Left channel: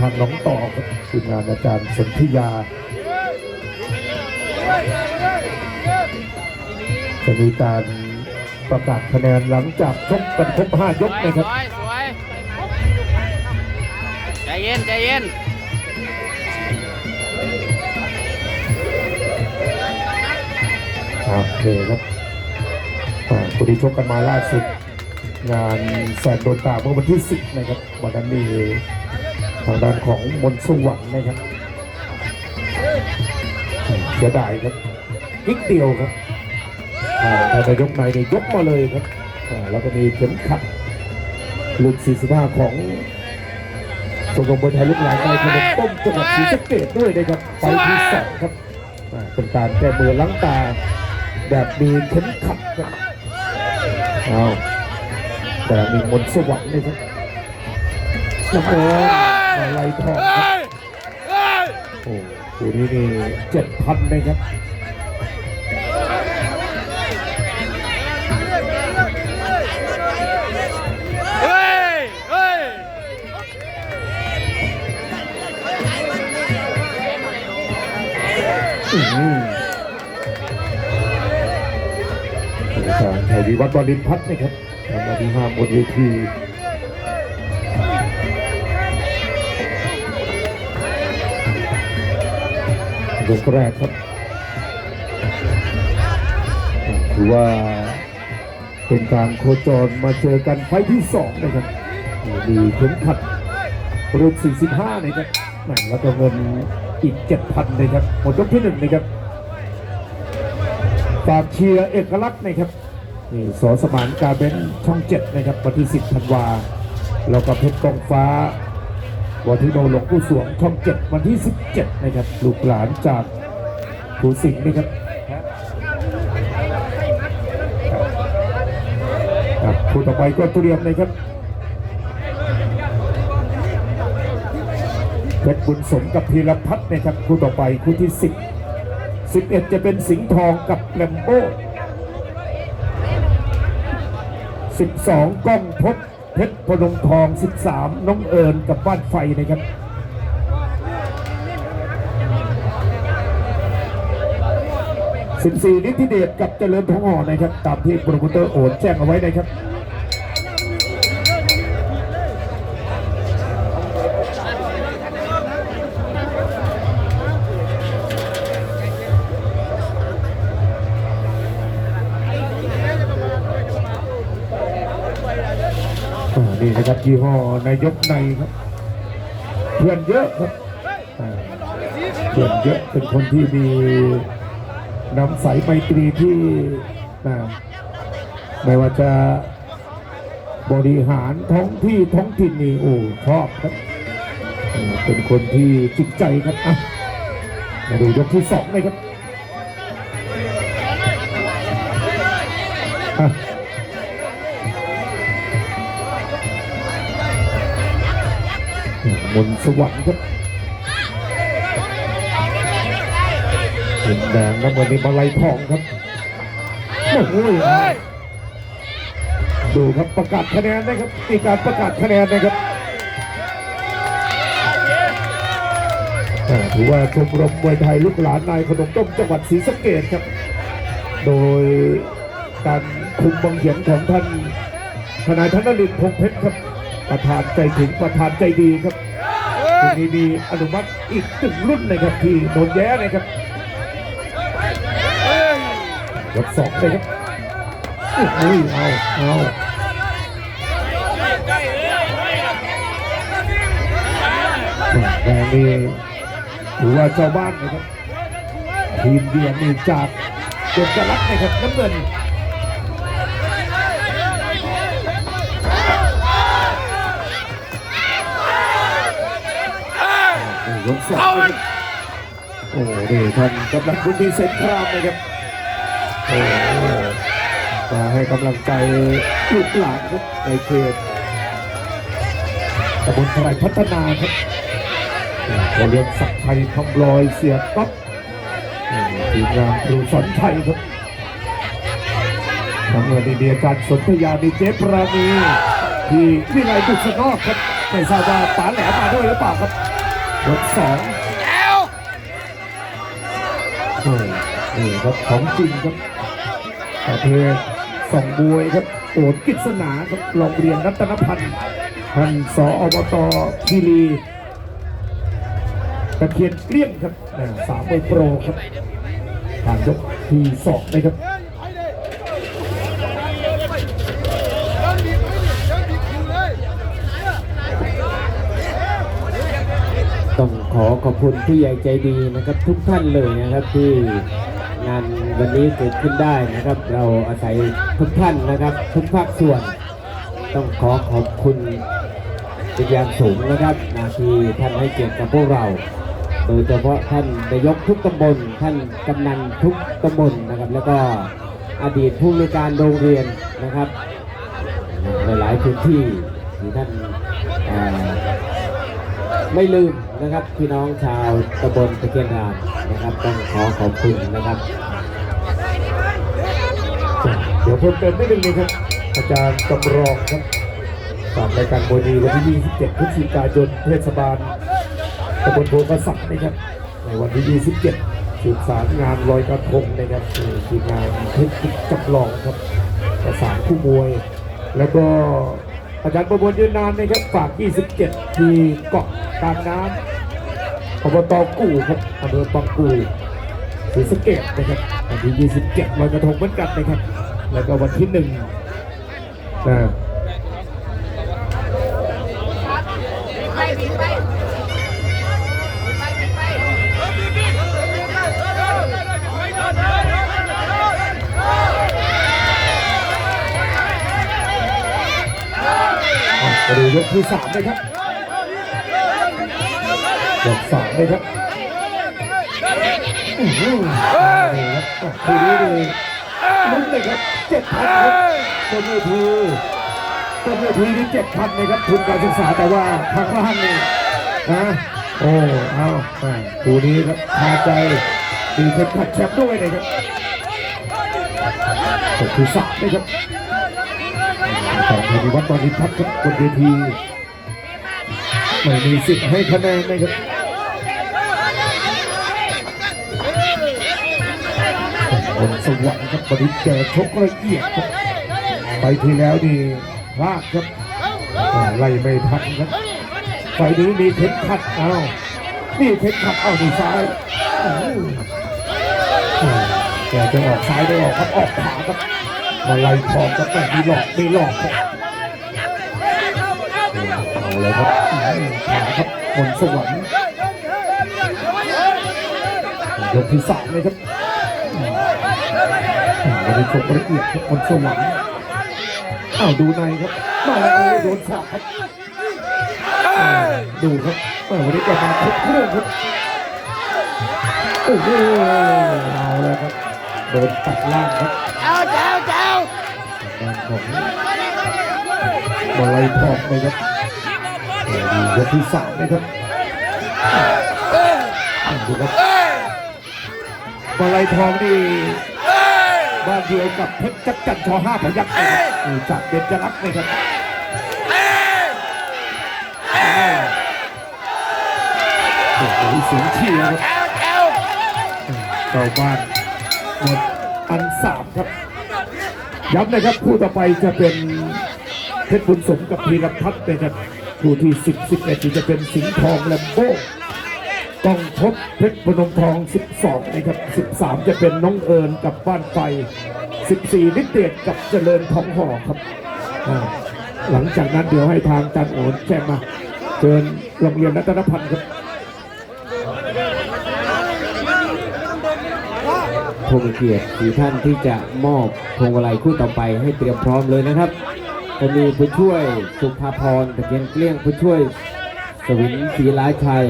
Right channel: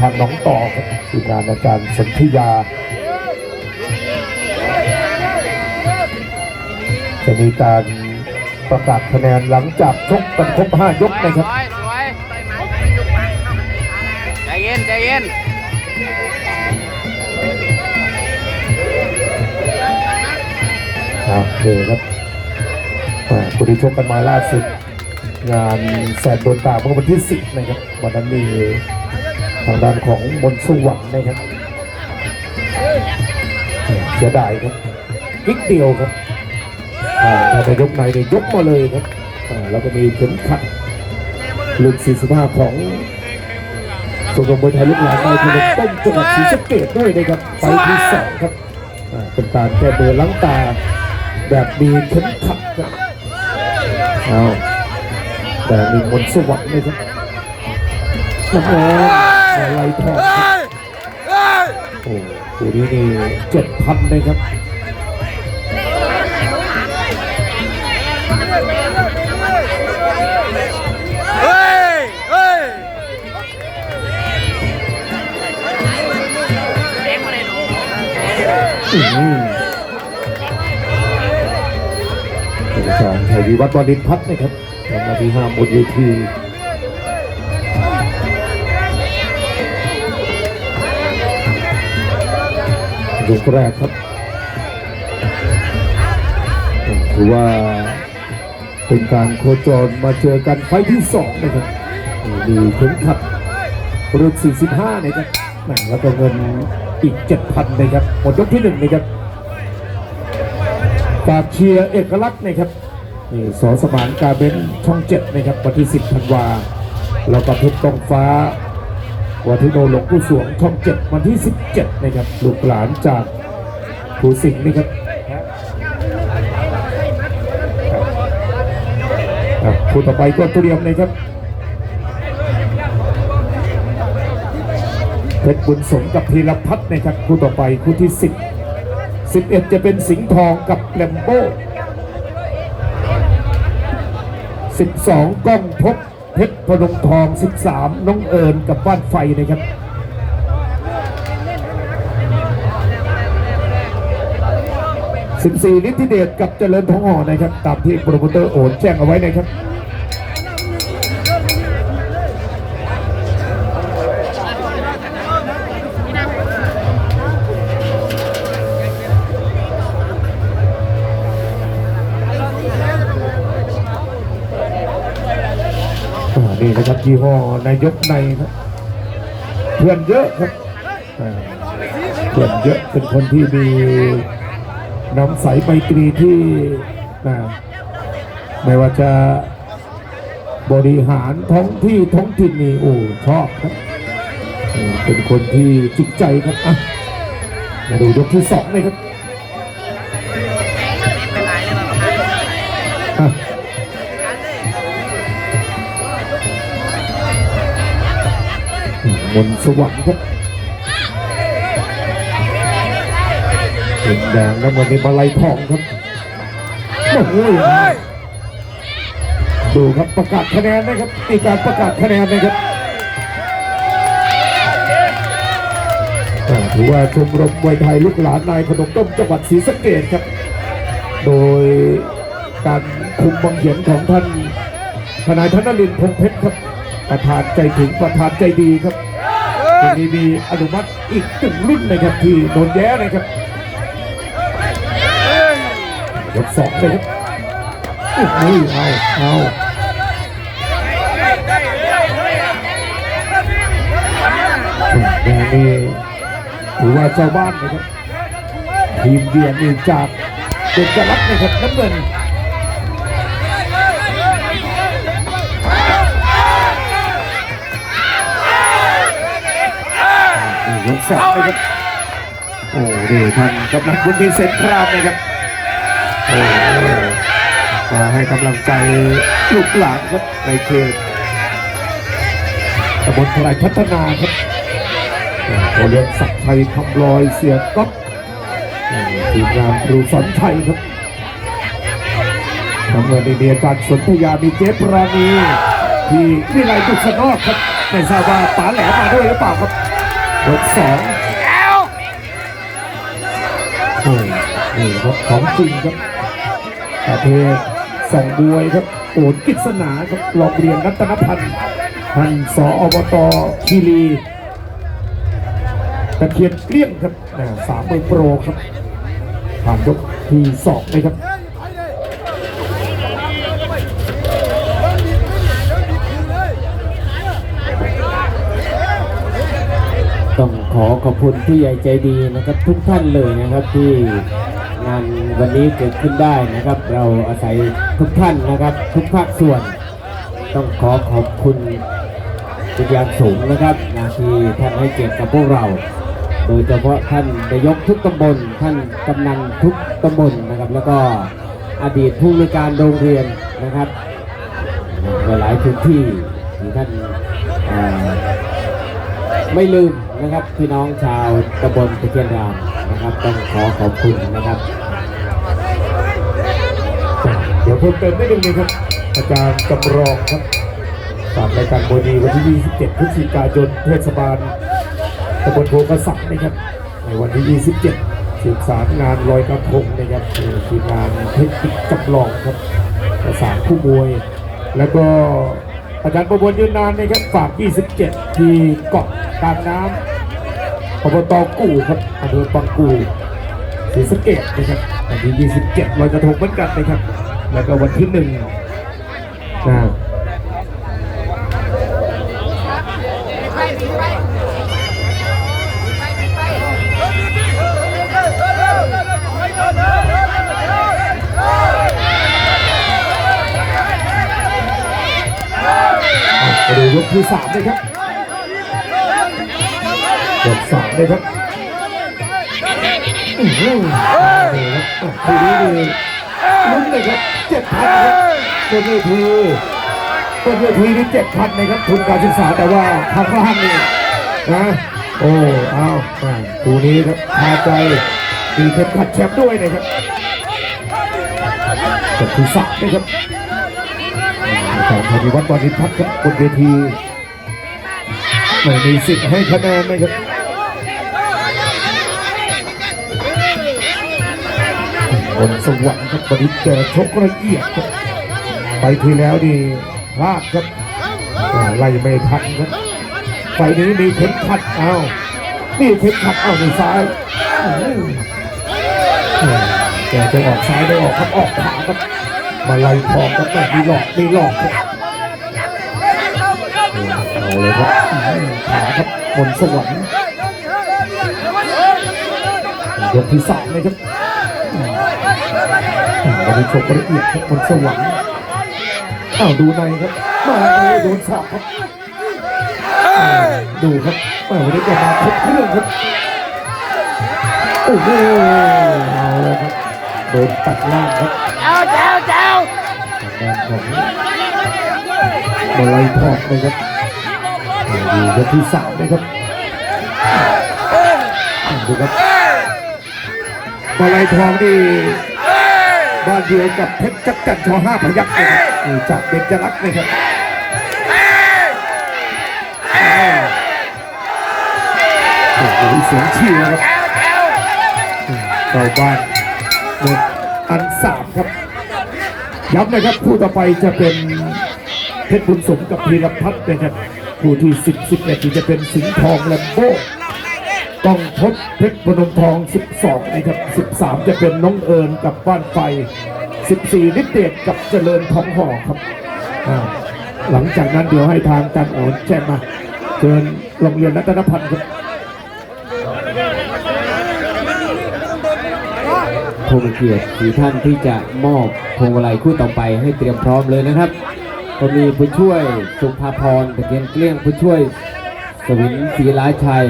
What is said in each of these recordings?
ทางน้องต่อครับทีมงานอาจารย์สนธิยา จะมีการประกาศคะแนนหลังจากชกกันครบ5ยกนะครับสวยสวยใจเย็นใจเย็นโอเคครับอ่าคู่ที่ชกกันมาล่าสุดงานแสนโดนตาเมื่อวันที่ 10 นะครับ วันนั้นมีทางด้านของมนต์สว่างนะครับเสียดายครับนิดเดียวครับอ่าถ้าจะยกในเนี่ยยกมาเลยครับอ่าแล้วก็มีเข็มขัดลูก45ของชมรมมวยไทยลูกหลานในพนมต้นจังหวัดศรีสะเกษด้วยนะครับไปที่สองครับอ่าเป็นการแก้มือล้างตาแบบมีเข็มขัดครับเอาแต่มีมนสวรรค์เลยครับโอ้โห อะไรทองโอ้ตัวนี้นี่เจ็ดพันเลยครับอืมอาจารย์ชัยวิวัฒน์วรินพัฒน์นะครับทำหน้าที่ห้าบนเวที ยกแรกครับถือว่าเป็นการโคจรมาเจอกันไฟที่สองนะครับมีเข็มขัดรุ่น45 นะครับแหม่แล้วก็เงินอีก 7,000 นะครับหมดยกที่หนึ่งนะครับฝากเชียร์เอกลักษณ์นะครับนี่สอสมานกาเบนช่องเจ็ดนะครับวันที่ 10 ธันวา แล้วก็เพชรต้องฟ้า วันที่โนหลวงผู้สวงช่องเจ็ดวันที่ 17 นะครับลูกหลานจากภูสิงห์นะครับครับคู่ต่อไปก็เตรียมนะครับเพชรบุญสมกับธีรพัฒน์นะครับคู่ต่อไปคู่ที่ 10 11 จะเป็นสิงห์ทองกับแลมโบ้12ก้องพบ เพชรพนมทอง 13 น้องเอิญกับบ้านไฟนะครับ14นิติเดชกับเจริญทองห่อนะครับ ตามที่โปรโมเตอร์โอนแจ้งเอาไว้นะครับ นี่นะครับยี่ห้อนายกในครับเพื่อนเยอะครับเพื่อนเยอะเป็นคนที่มีน้ำใสไมตรีที่ไม่ว่าจะบริหารท้องที่ท้องถิ่นนี่โอ้ชอบครับ เป็นคนที่จิตใจครับมาดูยกที่สองเลยครับ เงินสวรรค์ครับเงินแดงแล้วมันเป็นมาลัยทองครับโอ้โหดูครับประกาศคะแนนนะครับมีการประกาศคะแนนนะครับถือว่าชมรมมวยไทยลูกหลานนายขนมต้มจังหวัดศรีสะเกษครับ โดยการคุมบังเหียนของท่านทนายธนรินทร์พงเพชรครับประธานใจถึงประธานใจดีครับ วันนี้มีอนุมัติอีกหนึ่งรุ่นนะครับที่โดนแย้นะครับยกสองเลยครับโอ้โหเอาเอาแดงนี่ถือว่าเจ้าบ้านนะครับทีมเดียนนี่จากเด็กจะรักนะครับน้ำเงิน นี่ยกสองนะครับ โอ้ดีทำกำลังบุญดีเซนครามนะครับโอ้มาให้กำลังใจลูกหลานครับในเขตตำบลพลายพัฒนาครับเขาเรียกศักดิ์ชัยคำลอยเสียก๊อกทีมงานครูสอนชัยครับทำงานในเดียอาจารย์สนธยามีเจฟรานีที่วิไลดุษนอกครับไม่ทราบว่าป๋าแหลมมาด้วยหรือเปล่าครับ ยกสองแก้วโอ้นี่ครับของจริงครับประเภทสองมวยครับโอนกิษณาครับโรงเรียนรัตนพันธ์ท่านสออบตคีรีตะเคียนเกลี้ยงครับสามมือร์โปรครับผ่านยกที่สองนะครับ ต้อง ขอขอบคุณผู้ใหญ่ใจดีนะครับ ทุกท่านเลยนะครับที่งานวันนี้เกิดขึ้นได้นะครับ เราอาศัยทุกท่านนะครับ ทุกภาคส่วน ต้องขอขอบคุณเป็นอย่างสูงนะครับนาทีท่านให้เกียรติกับพวกเรา โดยเฉพาะท่านนายกทุกตำบล ท่านกำนันทุกตำบลนะครับ แล้วก็อดีตผู้มีการโรงเรียนนะครับหลายพื้นที่ที่ท่านไม่ลืม นะครับพี่น้องชาวตำบลตะเคียนรามนะครับต้องขอขอบคุณนะครับเดี๋ยวเพิ่มเติมไม่ได้เลยครับอาจารย์จำลองครับฝากรายการโบดีวันที่ 27 พฤศจิกายนเทศบาลตำบลโพกระสับนะครับในวันที่ 27สืบสารงานลอยกระทงนะครับคืองานเทคนิคจำลองครับประสานคู่มวย แล้วก็อาจารย์ประมวลยืนนานนะครับฝาก 27 ที่เกาะกลางน้ำ อบตกู่ครับอำเภองกู่ศรีสะเกดนะครับวันที่ 27ลอยกระทงเหมือนกันนะครับ แล้วก็วันที่หนึ่งนะมาดูยกที่สามนะครับ ยกสามนะครับอื้อหือนี่ครับทีนี้นี่ลุ้นเลยครับเจ็ดพันครับเป็นเวทีเป็นเวทีนี่เจ็ดพันนะครับทุนการศึกษาแต่ว่าทางล่างนี่นะโอ้เอาดูนี้ครับพาใจมีเข็มขัดแชมป์ด้วยนะครับตกที่สักนะครับต่อธนิวัฒน์วานิพัฒน์ครับบนเวทีไม่มีสิทธิ์ให้คะแนนนะครับ บนสวรรค์ครับบริแกชกละเอียดครับไปที่แล้วนี่พลาดครับไล่ไม่ทันครับไฟนี้มีเข็มขัดเอานี่เข็มขัดเอาในซ้ายอื้อหือแกจะออกซ้ายได้ออกครับออกขวาครับมาไล่ทองครับแต่มีหลอกมีหลอกครับเอาเลยครับขาครับบนสวรรค์ยกที่สามเลยครับ วันนี้ชมละเอียดครับคนสวรรค์อ้าวดูในครับมาในโดนสับครับอ้าวดูครับเออวันนี้แกมาครบเครื่องครับโอ้โหเอาละครับโดนตัดล่างครับเอาแจ้วแจ้วทางด้านของเบยทอดเลยครับดูยกที่สามนะครับอ้าวดูครับมาลายทองนี่ บ้านเดียวกับเพชรจักรจันทร์ชอห้าพยักษ์นะครับนี่จากเบญจรักษ์นะครับโอ้โหเสียงเชียร์ครับแก้วแก้วเจ้าบ้านหมดอันสามครับย้ำนะครับคู่ต่อไปจะเป็นเพชรบุญสมกับพีรพัฒน์นะครับคู่ที่สิบสิบเอ็ดจะเป็นสิงห์ทองแลมโบ้ ต้องพบเพชรพนมทอง 12 นะครับ 13 จะเป็นน้องเอิญกับบ้านไฟ 14นิเดชกับเจริญทองห่อครับ หลังจากนั้นเดี๋ยวให้ทางจันโอนแจ้งมาเชิญโรงเรียนรัตนพันธ์ครับผู้มีเกียรติสี่ท่านที่จะมอบพวงมาลัยคู่ต่อไปให้เตรียมพร้อมเลยนะครับจะมีผู้ช่วยสุภาพรตะเกียนเกลี้ยงผู้ช่วย วินศรีล้าชัย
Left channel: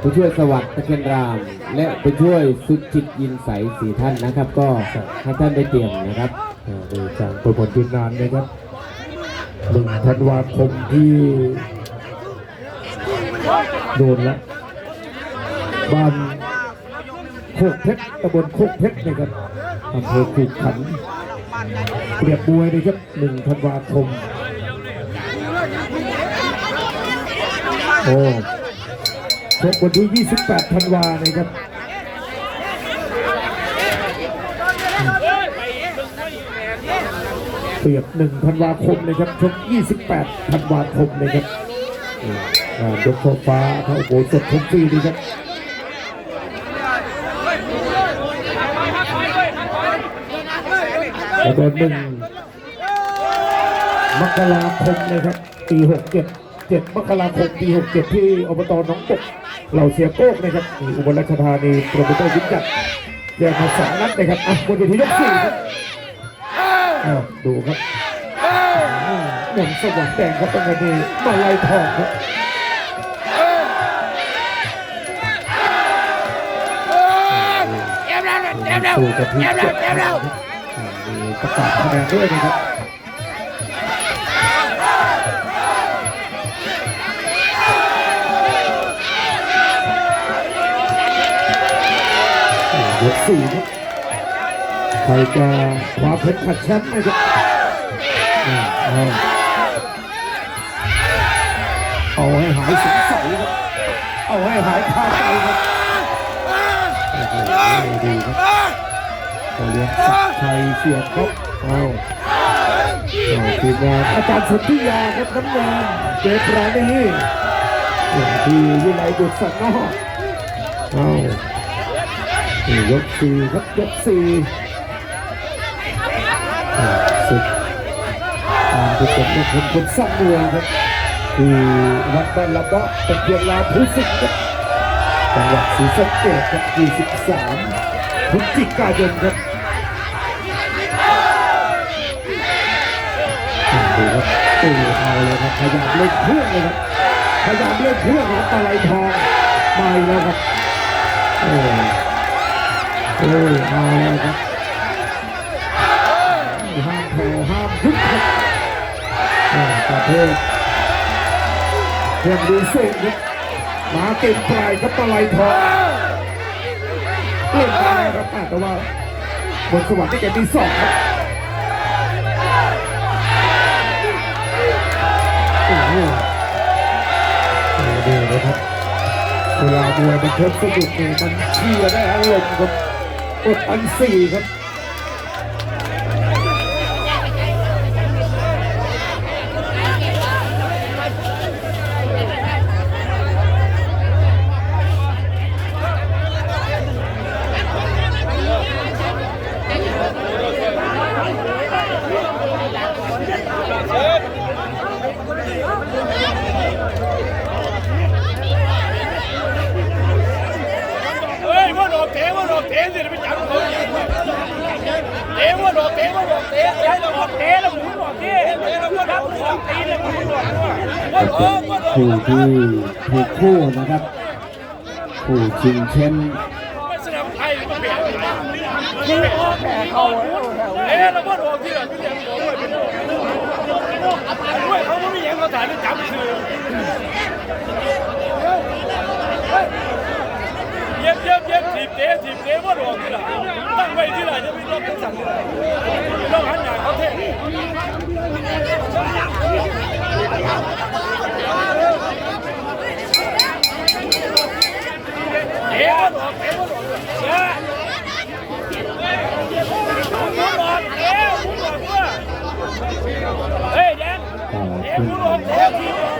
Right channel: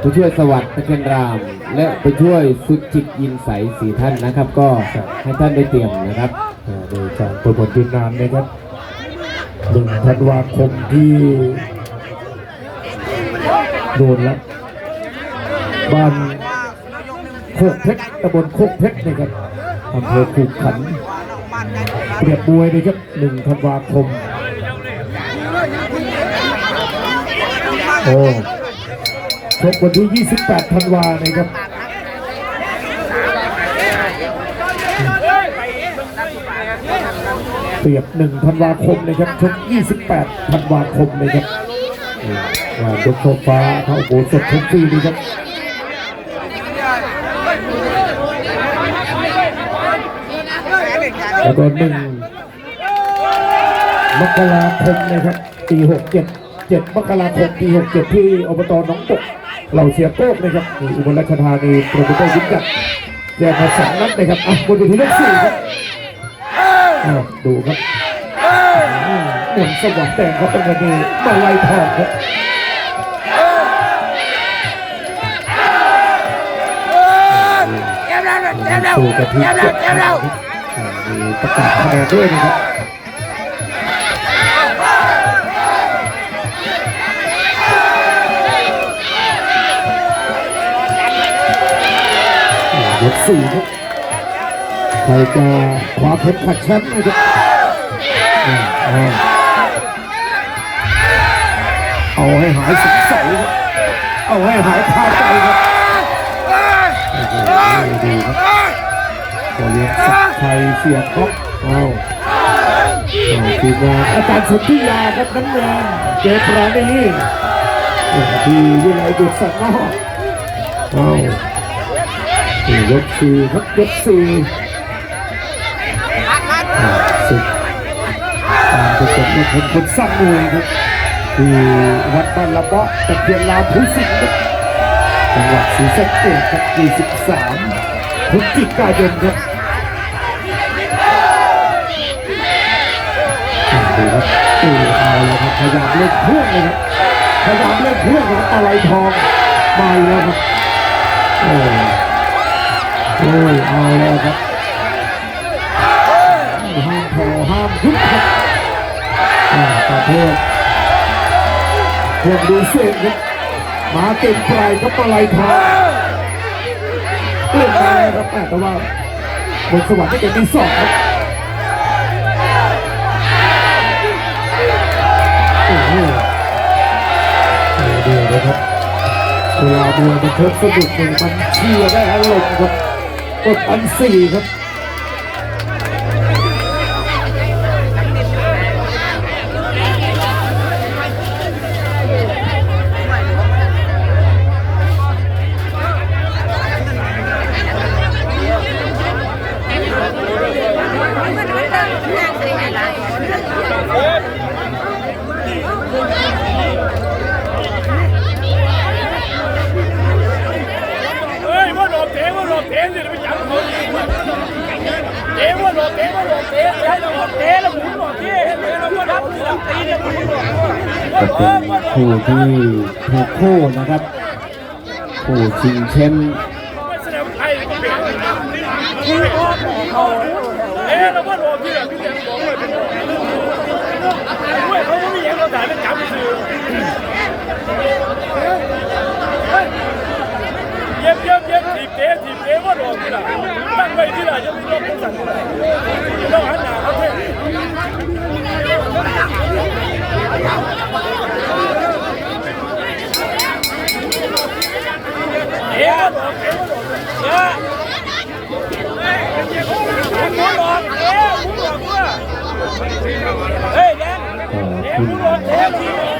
ผู้ช่วยสวัสดิ์ตะเกียนราม และผู้ช่วยสุจิตยินใสสีท่านนะครับ ก็ให้ท่านได้เตรียมนะครับโดยจากตัวบทยืนนานนะครับหนึ่งธันวาคมที่โดนแล้วบ้านโคกเพชรตำบลโคกเพชรนะครับอำเภอขุขันเปรียบมวยนะครับหนึ่งธันวาคม โอ้ชกวันที่ 28 ธันวานะครับเปรียบ 1 ธันวาคมนะครับชก28 ธันวาคมนะครับงานยกโซฟ้าพระโอโหสถชมฟรีนี่ครับแล้วก็หนึ่งมกราคมนะครับปี67 7 มกราคมปี 67 ที่อบตหนองตกเหล่าเสียโก้นะครับนี่อุบลราชธานีโปรโมเตอร์ยิ่งจัดแจกมาสองนัดนะครับอะบนเวทียกสี่ครับอะดูครับอ่าเหมือนสว่างแดงครับตรงนี้มาลายทองครับเจ็บแล้วเจ็บแล้วสู่กะทิเจ็บแล้วเจ็บแล้วอ่ามีประกาศคะแนนด้วยนะครับ สี่ครับใครจะคว้าเพชรขัดแชมป์ไหมครับอ่าเอาเอาให้หายสงสัยครับเอาให้หายคาใจครับโอ้โหดีครับจะเรียนสิทธิ์ชัยเสียบครับเอาเอาทีมงานอาจารย์สุทธิยาครับน้ำเงินเจปราณีที่วิไลดุษสักนอกเอานี่ ยกสี่ครับยกสี่สุดการผสมในคนคนซ้ำมวยครับที่วัดบอลละเบาะเป็นเพียงลาวผู้สิงครับจังหวัดศรีสะเกษครับ23พฤศจิกายนครับอ่าดูครับตีเอาเลยครับพยายามเล่นเพื่อนเลยครับพยายามเล่นเพื่อนครับอะไรทองมาอีกแล้วครับ โอ้ยเอาแล้วครับห้ามแผ่วห้ามยุบครับอ่าประเภทเพื่อนดีเซนครับมาเต็มปลครับปลายทองเล่นได้ครับแต่ว่าบนสวรรค์ได้เก็บที่สองโอ้โหโอ้โหเดี๋ยวนะครับเวลาเดือนมันเพิ่มสนุกเนี่ยมันเชียร์ได้อารมณ์ครับ กดอันสี่ครับ ก็เป็นคู่ที่ถูกคู่นะครับ คู่ชิงแชมป์เอ่อค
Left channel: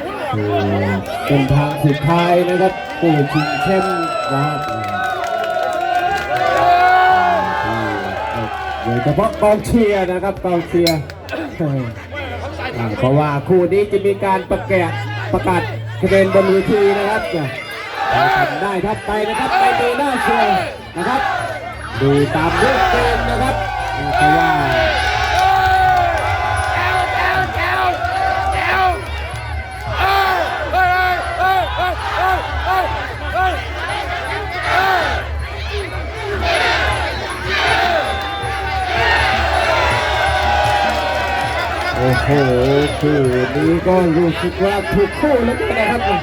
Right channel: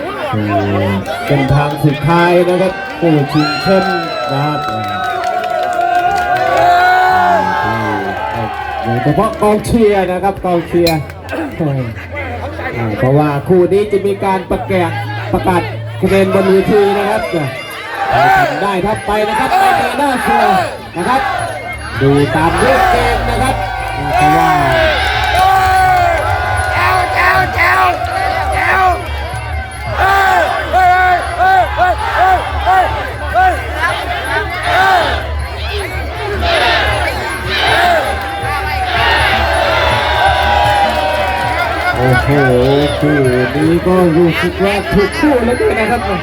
ุณคือ เป็นทางสุดท้ายนะครับคู่ชิงแชมนะครับโดยเฉพาะกองเชียร์นะครับกองเชียร์เพราะว่าคู่นี้จะมีการประกาศประกาศคะแนนบนเวทีนะครับทำได้ครับไปนะครับไปเตะหน้าโชว์นะครับดูตามรูปเกมนะครับเพราะว่า โอ้โหคู่นี้ก็รู้สึกว่าถูกคู่แล้วด้วยนะครับ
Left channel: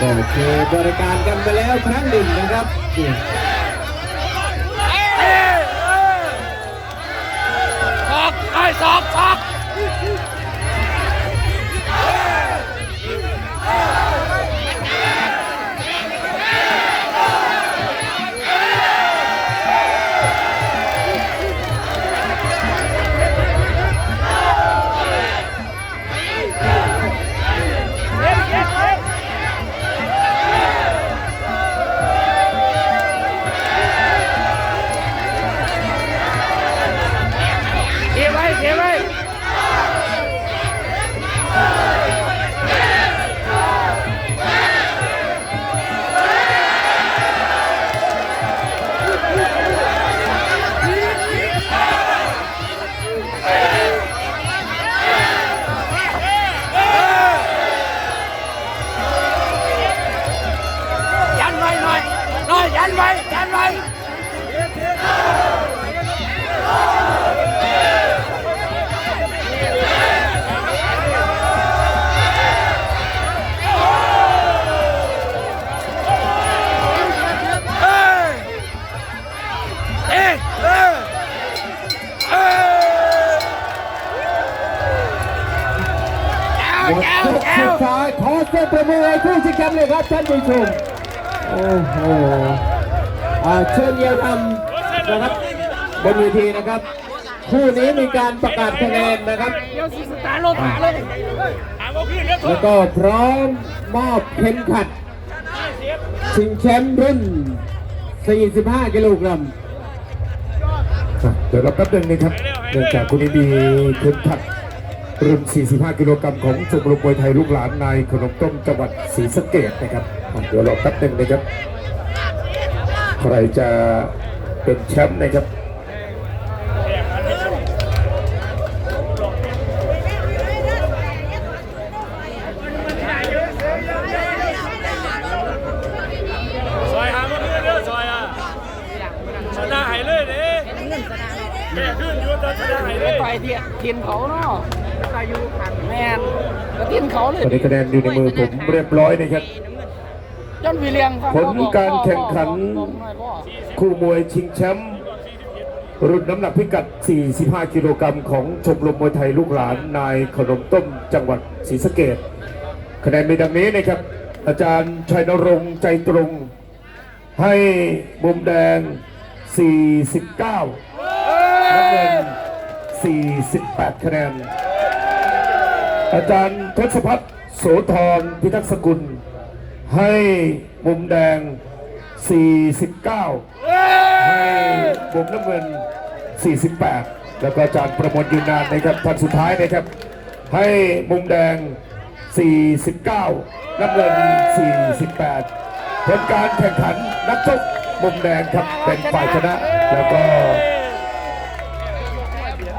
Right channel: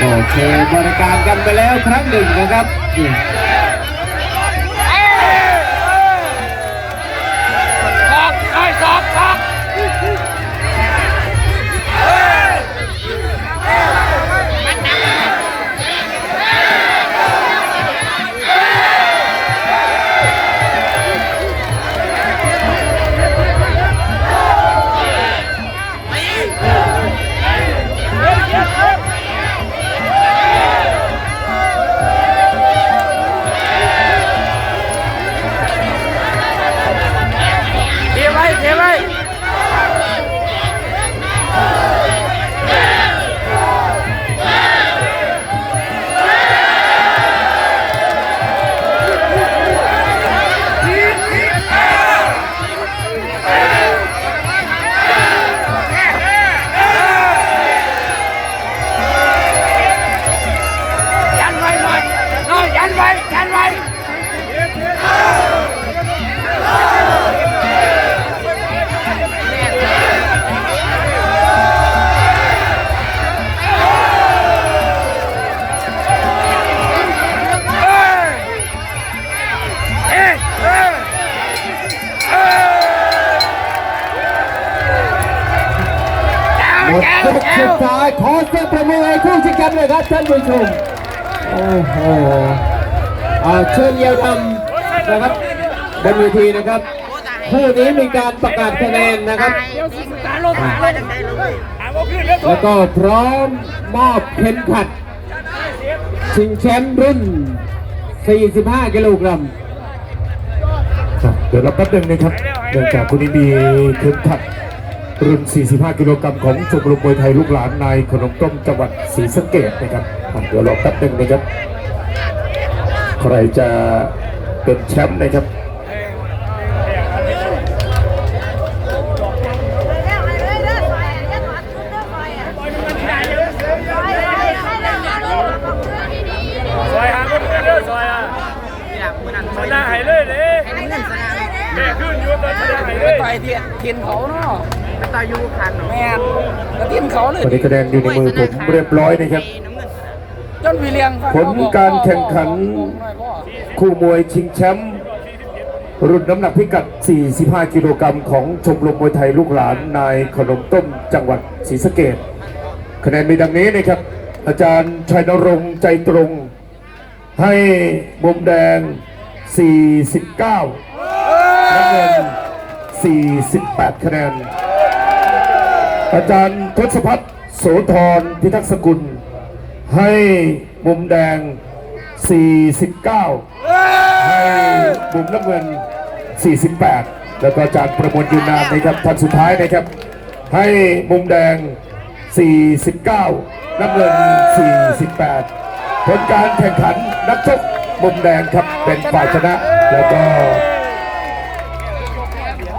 ก็โชว์บริการกันไปแล้วครั้งหนึ่งนะครับ โอ้โหอ่าเชิญเยาวดำนะครับบนเวทีนะครับคู่นี้มีการประกาศคะแนนนะครับ แล้วก็พร้อมมอบเข็มขัด ชิงแชมป์รุ่น 45 กิโลกรัมครับเดี๋ยวเราแป๊บนึงนะครับเนื่องจากคุณนี้มีเข็มขัดรุ่น 45 กิโลกรัมของชมรมมวยไทยลูกหลานนายขนมต้มจังหวัดศรีสะเกดนะครับอะ เดี๋ยวรอแป๊บนึงนะครับ ใครจะเป็นแชมป์นะครับได้หายเลยเด้เงินสนามแม่ขึ้นอยู่แต่ชนะหายเลยต่อยเทียทีมเขาเนาะไปต่อยยูคันแม่นแล้วทีมเขาเลยตอนนี้คะแนนอยู่ในมือผมเรียบร้อยนะครับ ย้อนวีเลียงผลการแข่งขันคู่มวยชิงแชมป์รุ่นน้ำหนักพิกัด 45 กิโลกรัมของชมรมมวยไทยลูกหลานนายขนมต้มจังหวัดศรีสะเกดคะแนนมีดังนี้นะครับ อาจารย์ชัยนรงค์ใจตรง ให้มุมแดง 49น้ำเงิน 48 คะแนน อาจารย์ทศพัฒน์โสธรพิทักษ์สกุล ให้มุมแดง 49 ให้มุมน้ำเงิน 48 แล้วก็จารย์ประมวลยืนนานนะครับท่านสุดท้ายนะครับ ให้มุมแดง 49 น้ำเงิน 48 ผลการแข่งขันนักชกมุมแดงครับเป็นฝ่ายชนะ แล้วก็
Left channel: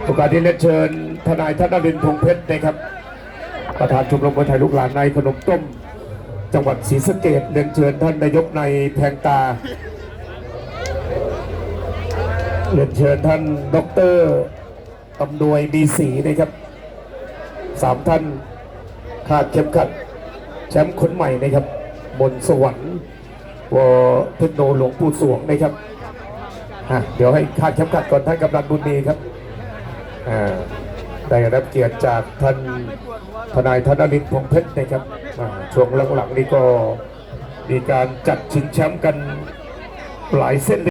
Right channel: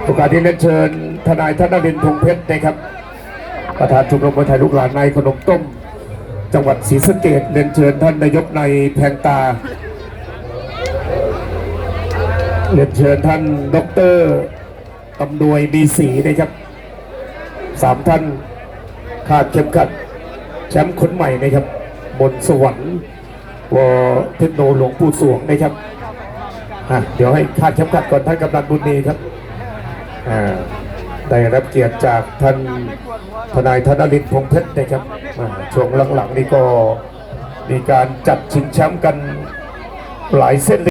โอกาสที่เรียนเชิญทนายธนรินทร์พงเพชรนะครับ ประธานชมรมมวยไทยลูกหลานในขนมต้ม จังหวัดศรีสะเกดเรียนเชิญท่านนายกในแพงตา เรียนเชิญท่านดอกเตอรตำนวยมีศรีนะครับสามท่านขาดเข็มขัดแชมป์คนใหม่นะครับ บนสวรรค์วเทคโนหลวงปู่สวงนะครับอะเดี๋ยวให้ขาดเข็มขัดก่อนท่านกำนันบุญมีครับอ่าได้รับเกียรติจากท่าน ทนายธนรินทร์พงเพชรนะครับช่วงหลังๆนี้ก็มีการจัดชิงแชมป์กันหลายเส้น